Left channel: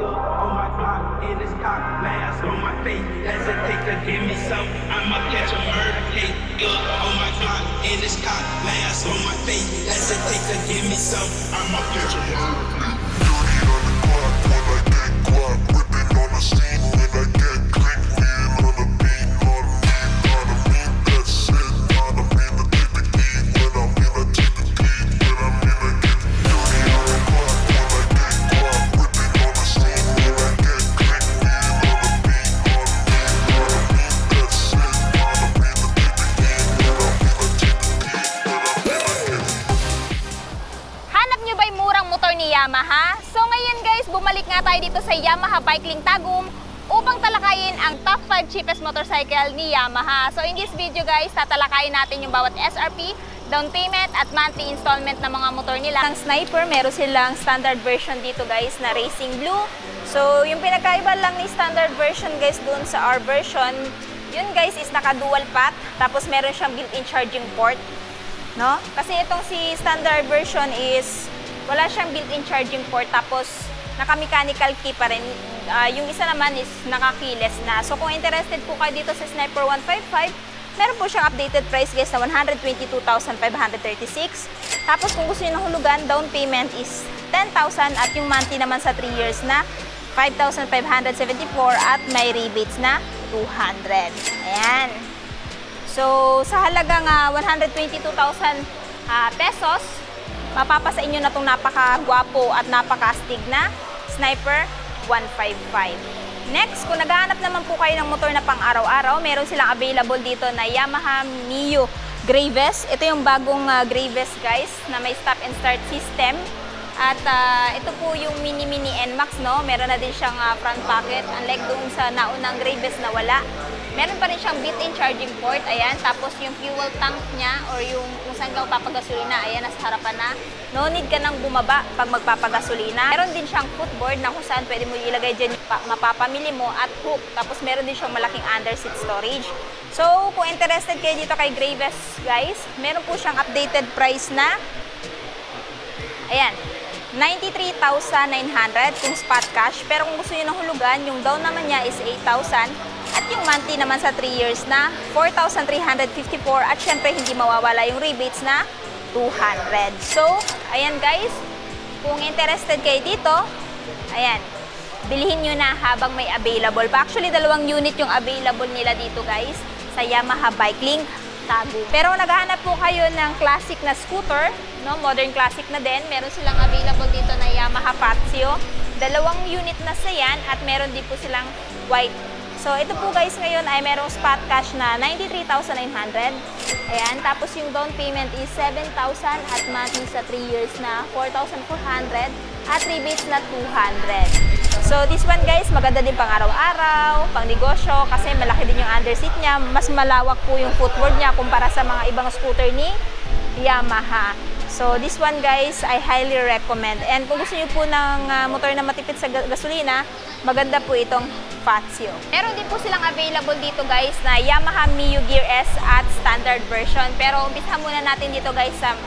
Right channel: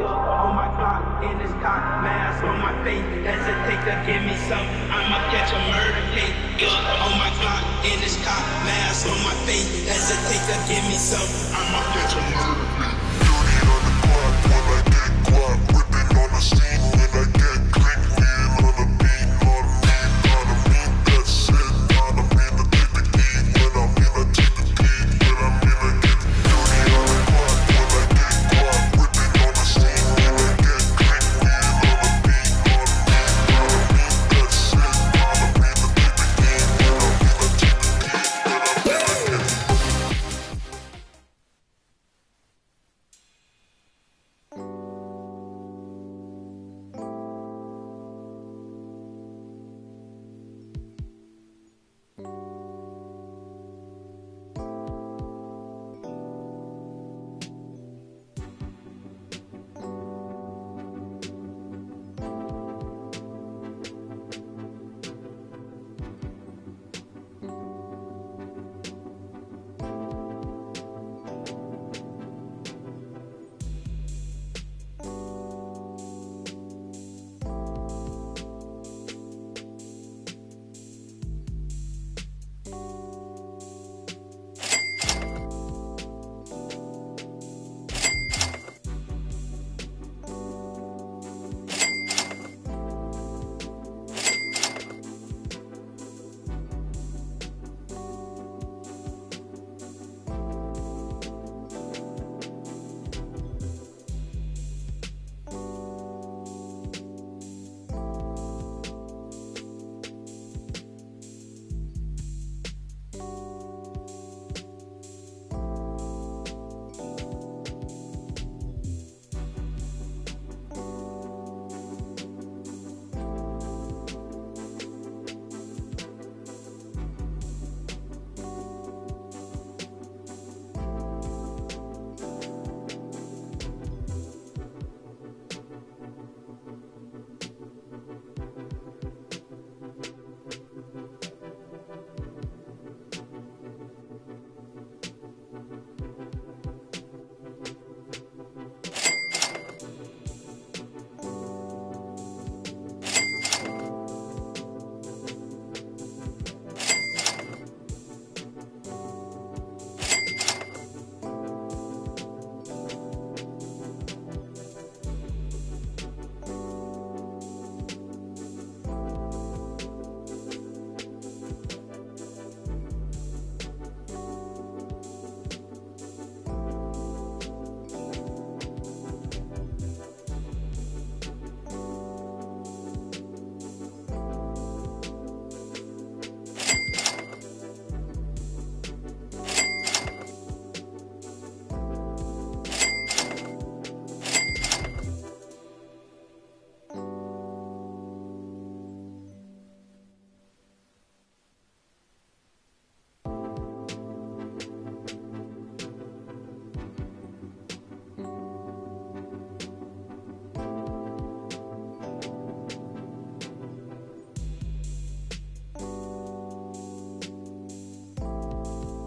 On my block, in this cock, mask on my face. Hesitate to give me some, I'ma catch a murder case. On my block, in this cock, mask on my face. Hesitate to give me some, I'ma catch a murder case. Dirty on the clock when I get guap, whipping on the scene when I get click, lean on the beat, on me, that shit, on me, to take the heat, when I'm in, I take the heat, when I'm in, I get dirty on the clock when I get guap, whipping on the scene when I get click, lean on the beat, on me, that shit, on me, to take the heat, when I'm in, I take the heat, when I'm in, I get. Hanap nyo ba yung murang motor ni Yamaha? So ngayon guys, bumalik nga tayo dito sa Yamaha Bike Link Tagum upang talakayin ang top 5 cheapest motorcycle ni Yamaha. So in this video guys, tatalakayin natin yung bawat SRP, down payment at monthly installment ng mga motor nila. Ang Sniper, meron silang standard version dito guys na Racing Blue. So yung pinagkaiba lang ni standard version guys dun sa our version, yun guys is naka dual path, tapos meron siyang built-in charging port. No? Kasi itong si standard version is wala siyang built-in charging port, tapos naka-mechanical key pa rin. Yung isa naman is naka-keyless na. So kung interested po kayo dito sa Sniper 155, meron po siyang updated price guys na 122,536. Tapos kung gusto niyo ng hulugan, down payment is 10,000 at yung monthly naman sa 3 years na 5,574 at may rebates na 200. Ayan. So, sa halagang 122,000 pesos, mapapasa inyo na itong napaka-gwapo at napaka-astig na Sniper 155. Next, kung naghahanap naman po kayo ng motor na pang-araw-araw, meron silang available dito na Yamaha Mio Graves. Ito yung bagong Graves guys, na may stop and start system. At ito po yung mini NMAX, no? Meron na din siyang front pocket, unlike doon sa naunang Graves na wala. Meron pa rin siyang built-in charging port, ayan. Tapos yung fuel tank niya or yung kung saan ka magpapagasolina, ayan, nasa harapan na. No need ka nang bumaba pag magpapagasolina. Meron din siyang footboard na kung saan pwede mo ilagay dyan mapapamili mo at hook. Tapos meron din siyang malaking under-seat storage. So, kung interested kayo dito kay Graves, guys, meron po siyang updated price na, ayan, 93,900 yung spot cash. Pero kung gusto niyo ng hulugan, yung down naman niya is 8,000 at yung monthly naman sa 3 years na 4,354 at syempre hindi mawawala yung rebates na 200. So, ayan guys, kung interested kayo dito, ayan, bilhin nyo na habang may available pa. Actually, 2 unit yung available nila dito guys sa Yamaha Bike Link Tagum. Pero naghahanap po kayo ng classic na scooter, no? Modern classic na din. Meron silang available dito na Yamaha Patio. 2 unit na sa yan at meron din po silang white. So ito po guys ngayon ay merong spot cash na 93,900. Ayan, tapos yung down payment is 7,000 at monthly sa 3 years na 4,400 at rebates na 200. So this one guys, maganda din pang araw-araw, pang negosyo kasi malaki din yung underseat niya. Mas malawak po yung footboard niya kumpara sa mga ibang scooter ni Yamaha. So this one guys, I highly recommend. And kung gusto niyo po ng motor na matipid sa gasolina, maganda po itong Patio. Meron din po silang available dito guys na Yamaha Mio Gear S at standard version. Pero umpisa muna natin dito guys sa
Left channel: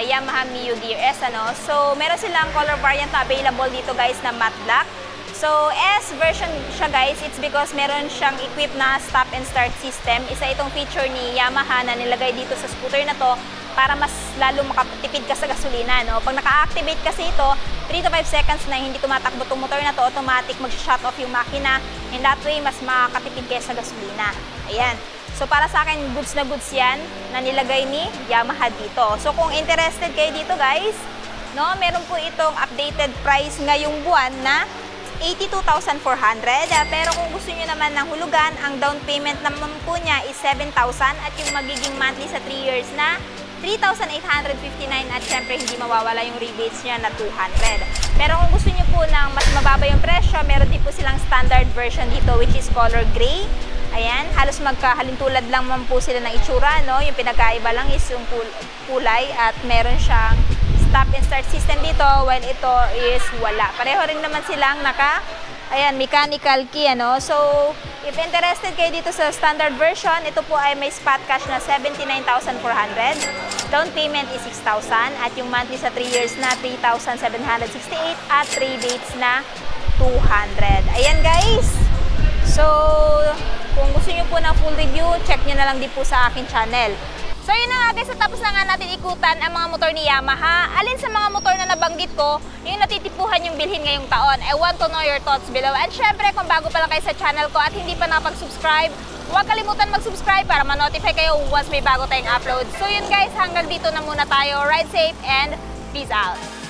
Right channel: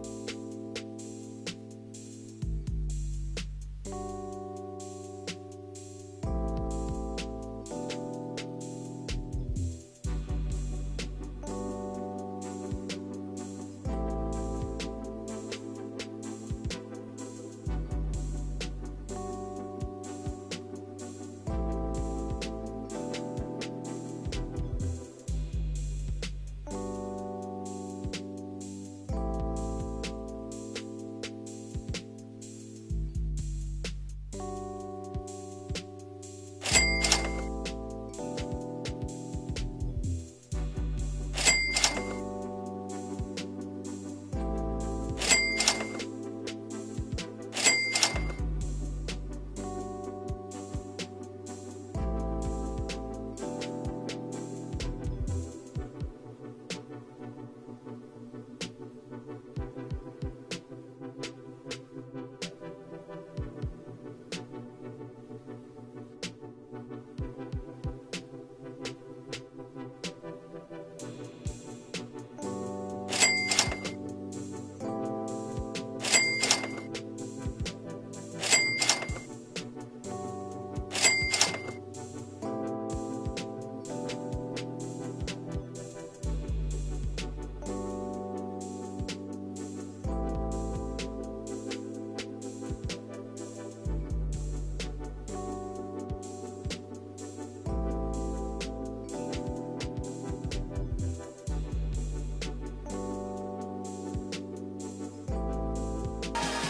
Yamaha Mio Gear S. Ano? So meron silang color variant available dito guys na matte black. So, S version siya guys, it's because meron siyang equipped na stop and start system. Isa itong feature ni Yamaha na nilagay dito sa scooter na to para mas lalo makatipid ka sa gasolina. No? Pag naka-activate kasi ito, 3 to 5 seconds na hindi tumatakbo itong motor na to, automatic mag-shut off yung makina. In that way, mas makakatipid kayo sa gasolina. Ayan. So, para sa akin, goods na goods yan na nilagay ni Yamaha dito. So, kung interested kayo dito guys, no, meron po itong updated price ngayong buwan na 82,400. Pero kung gusto niyo naman ng hulugan, ang down payment naman po niya is 7,000 at yung magiging monthly sa 3 years na 3,859 at syempre hindi mawawala yung rebates niya na 200. Pero kung gusto niyo po ng mas mababa yung presyo, meron din po silang standard version dito which is color gray. Ayan, halos magkahalintulad lang man po sila ng itsura, no? Yung pinagkaiba lang is yung kulay at meron siyang stop and start system dito while ito is wala. Pareho rin naman silang mechanical key, ano? So, if interested kayo dito sa standard version, ito po ay may spot cash na 79,400. Down payment is 6,000 at yung monthly sa 3 years na 3,768 at rebates na 200. Ayan guys. So, kung gusto nyo po ng full review, check nyo na lang din po sa akin channel. So yun na nga guys, tapos na nga natin ikutan ang mga motor ni Yamaha. Alin sa mga motor na nabanggit ko, yung natitipuhan yung bilhin ngayong taon. I want to know your thoughts below. And syempre, kung bago pa lang kayo sa channel ko at hindi pa nakapag-subscribe, huwag kalimutan mag-subscribe para ma-notify kayo once may bago tayong upload. So yun guys, hanggang dito na muna tayo. Ride safe and peace out!